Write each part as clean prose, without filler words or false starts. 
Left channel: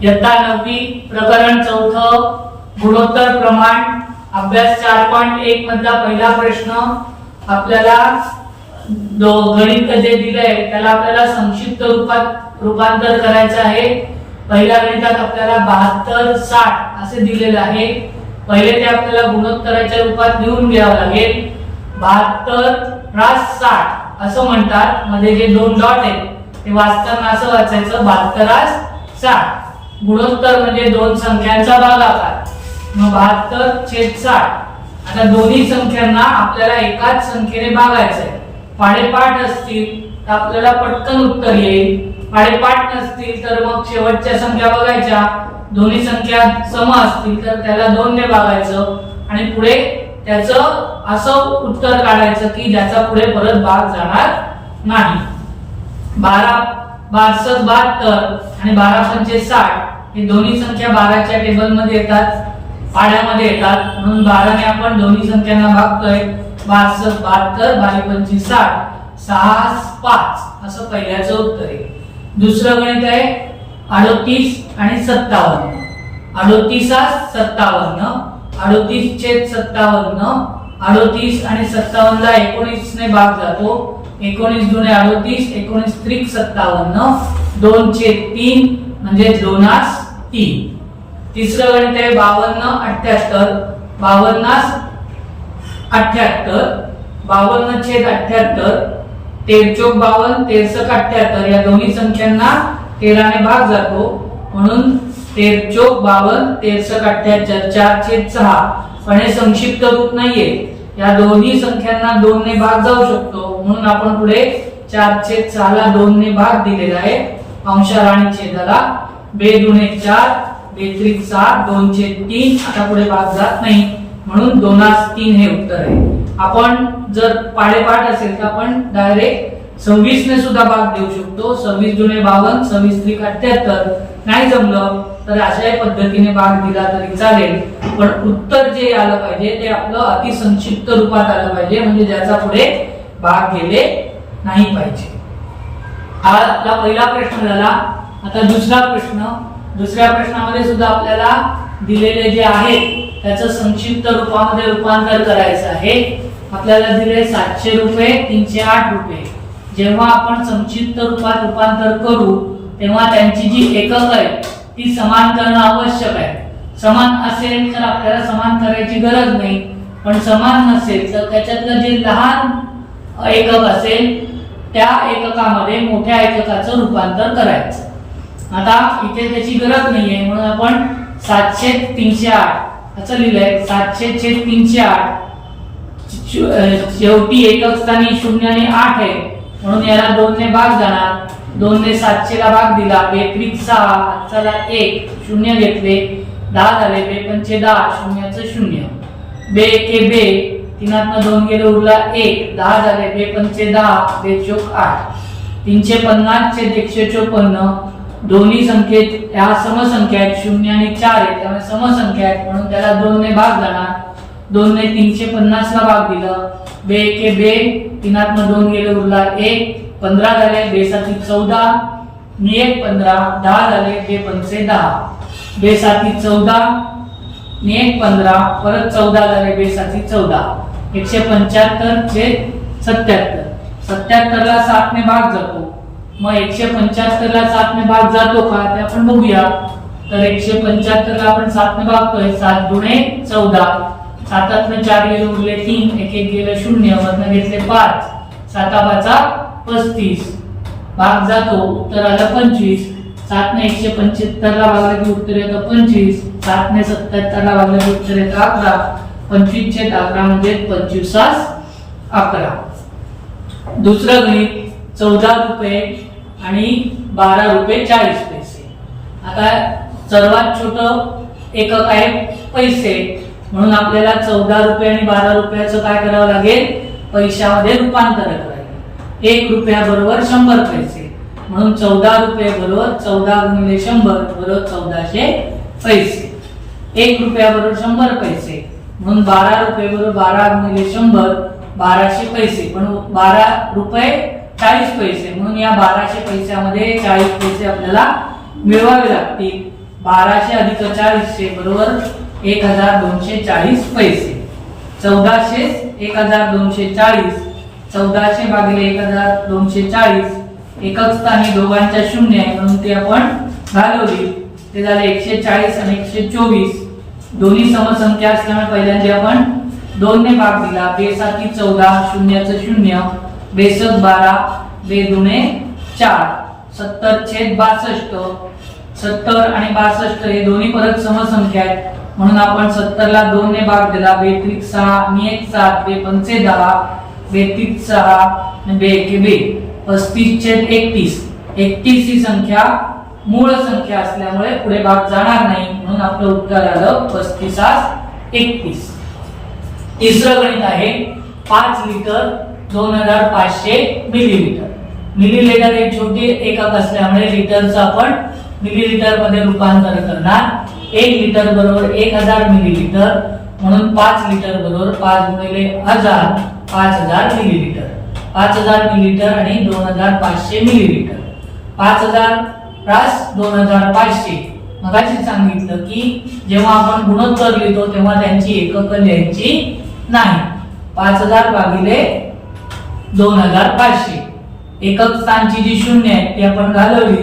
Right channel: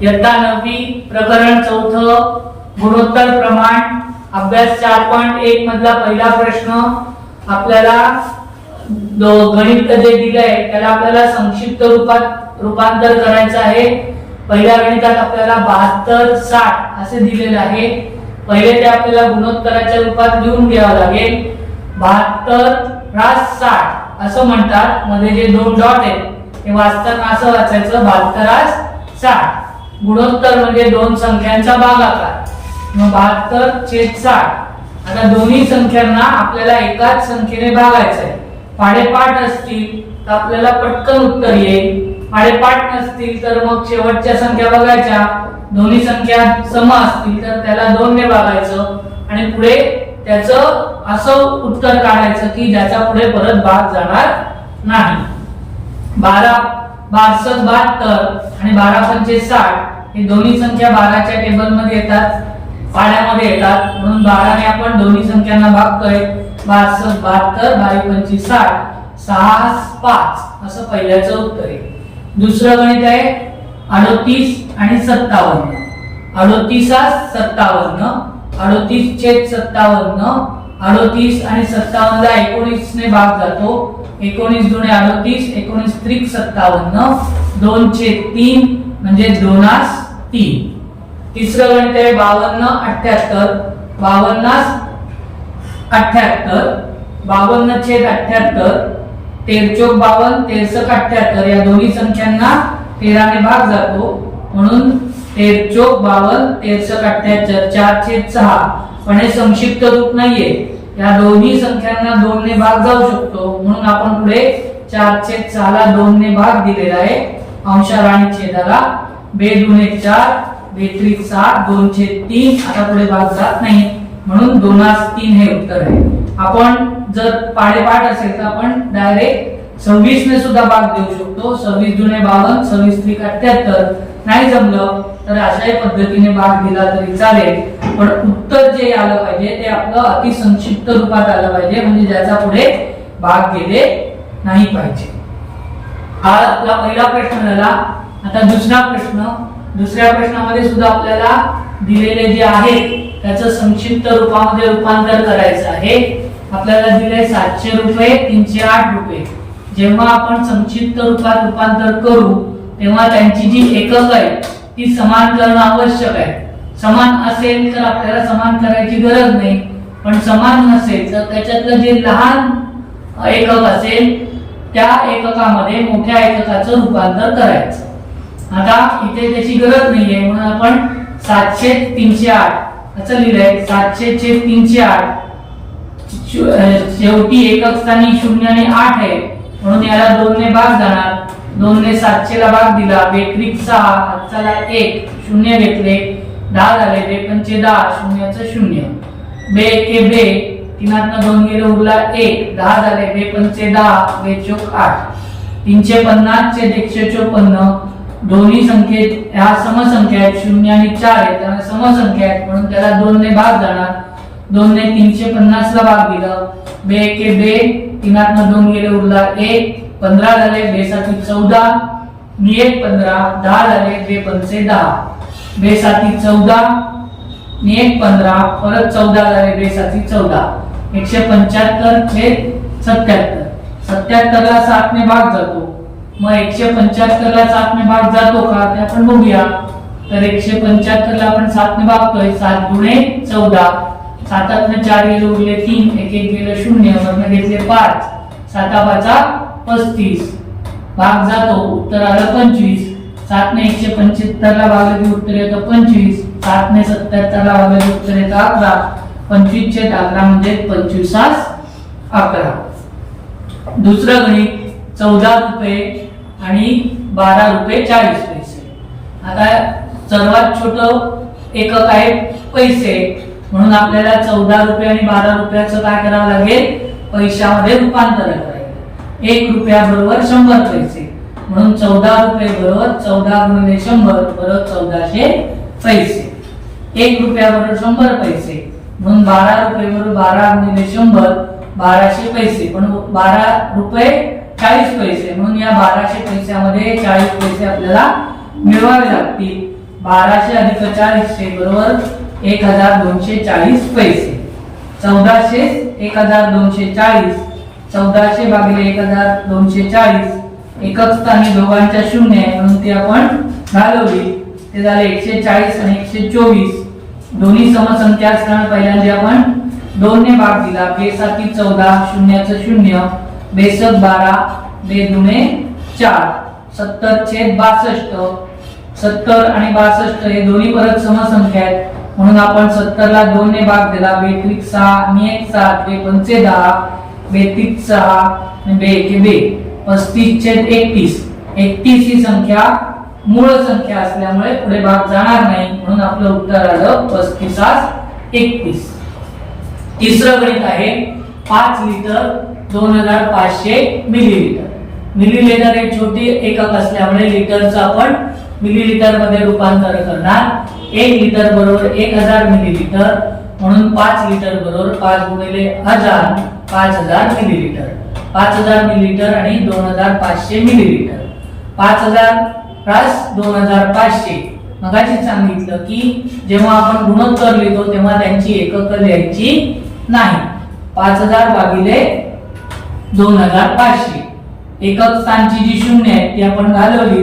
इयत्ता 9वी प्रकरण 4 गुणोत्तर प्रमाण अभ्यास 4.1 मधला पहिला प्रश्न आपल्याला गणित जे दिलंय त्याला आपल्याला संक्षिप्त रूपात रूपांतर करायचं आहे। पहिल्या गणितात आपल्याला 72 60 असे दिलेले आहे। पहिले ते आपल्याला गुणोत्तराच्या रूपात लिहून घ्यावं लागेल। 72 + 60 असं म्हणतात, मध्ये जे दोन डॉट आहेत ते वाचताना असं वाचायचं 72 + 60। गुणोत्तर म्हणजे दोन संख्यांचा भागाकार, मग 72/60। आता दोन्ही संख्यांना आपल्याला एकाच संख्येने भागायचं आहे। पाढेपाठ असतील तर आपल्याला पटकन उत्तर येईल, पाढेपाठ नसतील तर मग शेवटच्या संख्या बघायच्या, दोन्ही संख्या सम असतील तर त्याला 2 ने भागायचं आणि पुढे त्याचं असं उत्तर काढायचं की ज्याचा पुढे परत भाग जाणार नाही। 12 12 72 आणि 12 60 हे दोन्ही संख्या भागाच्या टेबल मध्ये येतात, पाढ्यामध्ये येतात, म्हणून 12 ने आपण दोन्ही संख्यांना भागतोय। 12 72 22 60 6 5 असं पहिल्याचं उत्तर आहे। दुसरं गणित आहे 38 आणि 57। 38 57 38/57 38 आणि 57 ला 19 ने भाग जातो। 19 दुणे 38 19 त्रिक 57 2/3 म्हणजे 2/3। तिसरं गणित आहे 52 78 52 78 52/78 13 52 13 78 या दोन्ही संख्यांना 13 ने भाग जातो, म्हणून 13 52 13 78 4/6। पण हे संक्षिप्त रूप नाहीये, या दोन्ही संख्यांना 2 ने भाग जाऊ शकतो, म्हणून आपण पुढे 4/6 ला 2 ने भाग दिलेला आहे। अंशार आणि छेदाला 2 दुणे 4 2 त्रिक 6 2/3 आता पुढे भाग जात नाही, म्हणून 2/3 हे उत्तर आहे। आपण जर पाढेपाठ असेल तर आपण डायरेक्ट 26 ने सुद्धा भाग देऊ शकतो। 26 दुणे 52 26 त्रिक 78 नाही जमलं तर अशाही पद्धतीने भाग दिला तरी चालेल, पण उत्तर जे आलं पाहिजे ते आपलं अति संक्षिप्त रूपात आलं पाहिजे, म्हणजे ज्याचा पुढे भाग गेले नाही पाहिजे। हा आपला पहिला प्रश्न झाला। आता दुसरा प्रश्न, दुसऱ्या प्रश्नामध्ये सुद्धा आपल्याला दिलेले जे आहे त्याचं संक्षिप्त रूपामध्ये रूपांतर करायचं आहे। आपल्याला दिले 700 रुपये 308 रुपये। जेव्हा आपण संक्षिप्त रूपात रूपांतर करू तेव्हा त्यांची जी एकक आहेत ती समान करणं आवश्यक आहे। समान असेल तर आपल्याला समान करायची गरज नाही, पण समान नसेल तर त्याच्यातलं जे लहान एकक असेल त्या एककामध्ये मोठ्या एककाचं रूपांतर करायचं। आता इथे त्याची गरज नाहीये, म्हणून आपण 700 308 असं लिहिलंय। 700 308 शेवटी एकक स्थानी 0 आणि 8 आहे, म्हणून याला 2 ने भाग जाणार। 2 ने 700 ला भाग दिला, 2 त्रिक 6 चला 1 0 घेतले 10 झाले, 2 पंचे 10 शून्याचं 0 2 एके 2 तीनातनं 2 गेले उरला 1 10 झाले, 2 पंचे 10 2 चोक 8 350 छेद 154। दोन्ही संख्येत ह्या समसंख्या आहेत, 0 आणि 4 आहेत, त्यामुळे समसंख्या आहेत, म्हणून त्याला 2 ने भाग जाणार। 2 ने 350 ला भाग दिलं, 2 एके 2 तीनातनं 2 गेले उरला 1 15 झाले, 2 साती 14 मी 1 15 10 झाले, 2 पंचे 10 2 साती 14 मी 1 15 परत 14 झाले, 2 साती 14 175 छेद 77। 77 ला 7 ने भाग जातो, मग 175 ला 7 ने भाग जातो का ते आपण बघूया। तर 175 ला आपण 7 ने भागतोय, 7 दुणे 14 7 4 गेले उरले 3 1 1 गेले 0 वरनं घेतले 5 7 5 35 भाग जातो, उत्तर आलं 25। 7 ने 175 ला भागले की उत्तर येतं 25। 7 ने 77 ला भागले की उत्तर येतं 11। 25/11 म्हणजे 25 11। दुसरं गणित 14 रुपये आणि 12 रुपये 40 पैसे। आता सर्वात छोटं एकक आहे पैसे, म्हणून आपल्याला 14 रुपये आणि 12 रुपयाचं काय करावं लागेल, पैशामध्ये रूपांतर करायचं। 1 रुपया बरोबर 100 पैसे, म्हणून 14 रुपये बरोबर 14 गुणिले 100 बरोबर 1400 पैसे। 1 रुपया बरोबर 100 पैसे, म्हणून 12 रुपये बरोबर 12 गुणिले 100 1200 पैसे, पण 12 रुपये 40 पैसे, म्हणून या 1200 पैशामध्ये 40 पैसे आपल्याला मिळवावे लागतील। 1200 अधिक 400 बरोबर 1240 पैसे. 1400 1240 1400 भागिले 1240 एकक स्थानी दोघांच्या शून्य आहे म्हणून ती आपण घालवली. ते झाले 140 आणि 124. दोन्ही समसंख्या असल्यामुळे पहिल्यांदा आपण 2 ने भाग दिला. बेसाती 14 शून्याचं 0 बेसक 12 बेदुने 4 70/62. 70 आणि 62 हे दोन्ही परत समसंख्या आहेत म्हणून आपण 70 ला 2 ने भाग दिला. बेत्रिक 6 आणि 1 7 बेपंचे 10 बेत्रिक 6 आणि बेएके 35/31. 31 ही संख्या मूळ संख्या असल्यामुळे पुढे भाग जाणार नाही म्हणून आपलं उत्तर आलं 35/31. तिसरं गणित आहे 5 लिटर 2500 मिलीलिटर. मिलीलिटर एक छोटी एकक असल्यामुळे लिटरचं आपण मिलीलिटर मध्ये रूपांतर करणार. 1 लिटर बरोबर 1000 मिलीलिटर म्हणून 5 लिटर बरोबर 5 गुणिले 1000 5000 मिलीलिटर. 5000 मिलीलिटर आणि 2500 मिलीलिटर. 5000 प्लस 2500 मगाशी सांगितलं की जेव्हा आपण गुणोत्तर लिहितो तेव्हा त्यांची एकक लिहायची नाही. 5000 भागिले 2500 एकक स्थानची जी शून्य आहे ती आपण घालवली.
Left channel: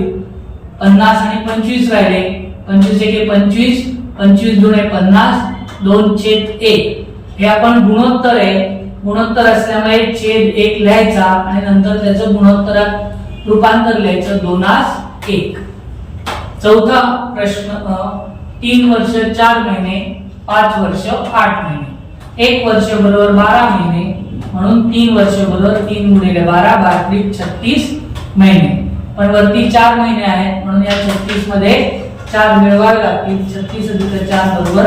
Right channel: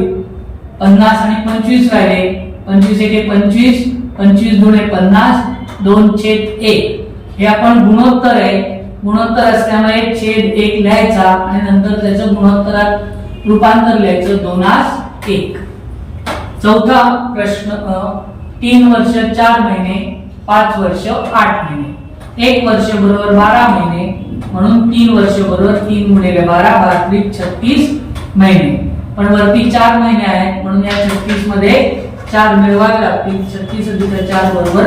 50 आणि 25 राहिले. 25 एके 25 25 दुणे 50 2/1 हे आपण गुणोत्तर आहे. गुणोत्तर असल्यामुळे 1/1 लिहायचा आणि नंतर त्याचं गुणोत्तरात रूपांतर लिहायचं 2/1. चौथा प्रश्न 3 वर्ष 4 महिने 5 वर्ष 8 महिने. 1 वर्ष बरोबर 12 महिने म्हणून 3 वर्ष बरोबर 3 गुणिले 12 36 महिने. पण वरती 4 महिने आहेत म्हणून या 36 मध्ये 4 मिळवावे लागतील. 36 अधिक 4 बरोबर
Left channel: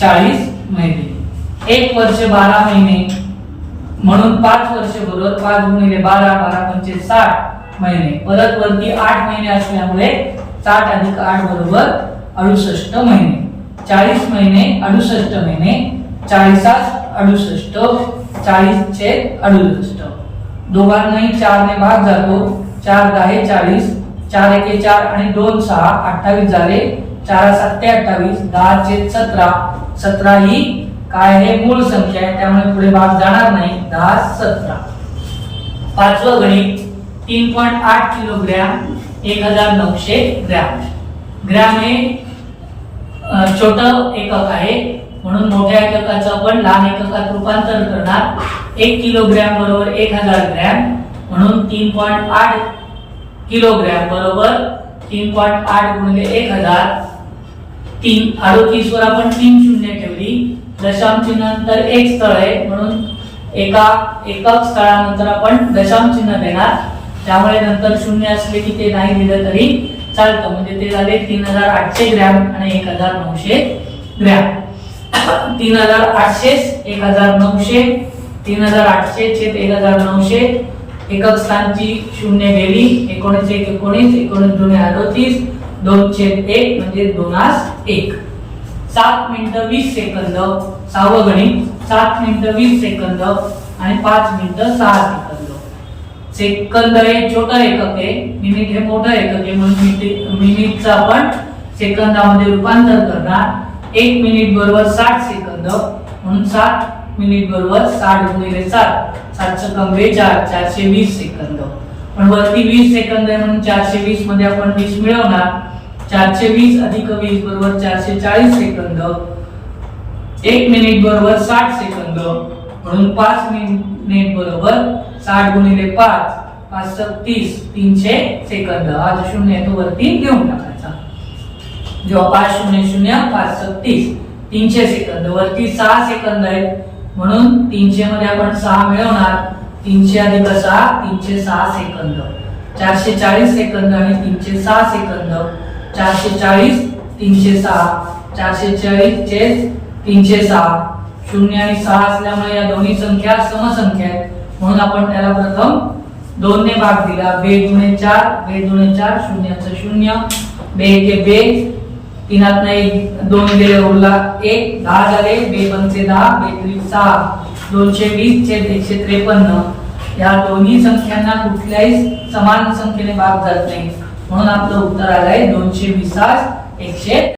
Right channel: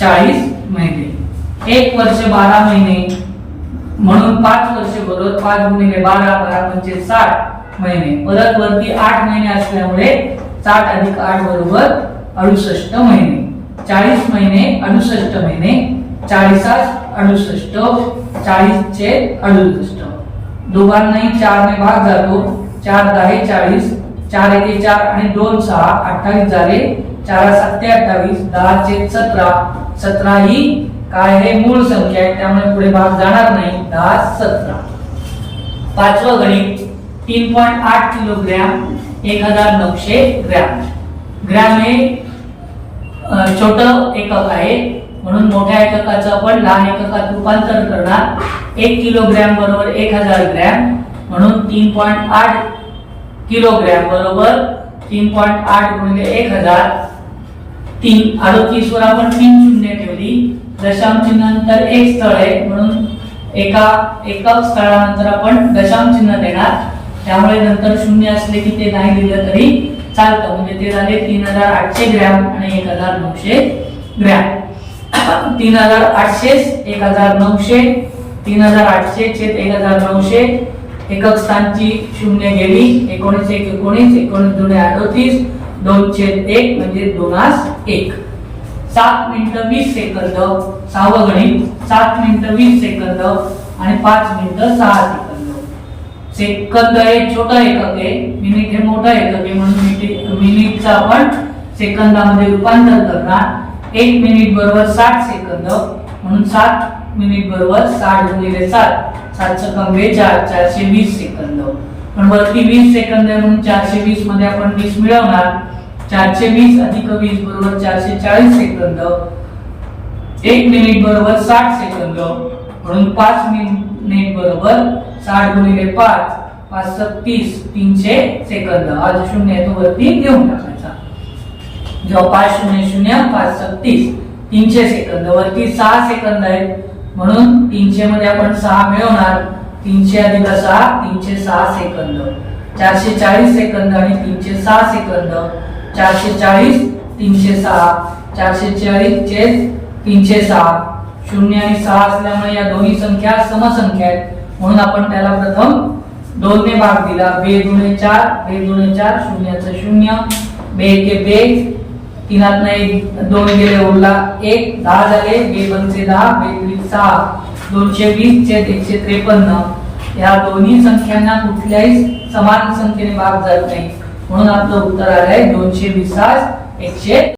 40 महिने. 1 वर्ष 12 महिने म्हणून 5 वर्ष बरोबर 5 गुणिले 12 12 पंचे 60 महिने. परत वरती 8 महिने असल्यामुळे 60 अधिक 8 बरोबर 68 महिने. 40 महिने 68 महिने 40 68 40/68. दोघांनाही 4 ने भाग जातो. 4 10 40 4 एके 4 आणि 2 6 28 झाले. 4 7 28 10/17 17 ही काय हे मूळ संख्या आहे त्यामुळे पुढे भाग जाणार नाही. 10/17. पाचवं गणित 3.8 किलोग्रॅम 1900 ग्रॅम. ग्रॅम हे छोटं एकक आहे म्हणून मोठ्या एककाचं आपण लहान एककात रूपांतर करणार. 1 किलोग्रॅम बरोबर 1000 ग्रॅम म्हणून 3.8 किलोग्रॅम बरोबर 3.8 गुणिले 1000 3 38 वर आपण 3 शून्य ठेवली. दशांश चिन्हानंतर एक स्थळ आहे म्हणून एका एकक स्थळानंतर आपण दशांश चिन्ह देणार. त्यामुळे नंतर शून्य असले की ते नाही दिलं तरी चालतं. म्हणजे ते झाले 3800 ग्रॅम आणि 1900 ग्रॅम. 3800 1900 3800 छेद 1900 एकक स्थानची शून्य गेली. 19 1 19 19 दुणे 38 2/1 म्हणजे 2/1. 7 मिनिटं 20 सेकंद. सहावं गणित 7 मिनिटं 20 सेकंद आणि 5 मिनिटं 6 सेकंद. सेकंद हे छोटं एकक आहे. मिनिट हे मोठं एकक आहे म्हणून मिनिटचं आपण सेकंदामध्ये रूपांतर करणार. 1 मिनिट बरोबर 60 सेकंद म्हणून 7 मिनिट बरोबर 60 गुणिले 7 7 42 420 सेकंद. पण वरती 20 सेकंद आहे म्हणून 420 मध्ये आपण 20 मिळवणार. 420 अधिक 20 बरोबर 440 सेकंद. 1 मिनिट बरोबर 60 सेकंद म्हणून 5 मिनिट बरोबर 60 गुणिले 5 5 30 300 सेकंद. हा जो शून्य आहे तो वरती घेऊन टाकायचा. जेव्हा 5 0 0 5 30 300 सेकंद. वरती 6 सेकंद आहेत म्हणून 300 मध्ये आपण 6 मिळवणार. 300 अधिक 6 306 सेकंद. 440 सेकंद आणि 306 सेकंद. 440 306 440 छेद 306. 0 आणि 6 असल्यामुळे या दोन्ही संख्या समसंख्या आहेत म्हणून आपण त्याला प्रथम 2 ने भाग दिला. 2 दुणे 4 2 दुणे 4 शून्याचं 0 2 एके 2 तीनातनं 1 2 गेले उरला 1 10 झाले. 2 पंचे 10 2 त्रिक 6 220 छेद 153. या दोन्ही संख्यांना कुठल्याही समान संख्येने भाग जात नाही म्हणून आपलं उत्तर आलंय 220 100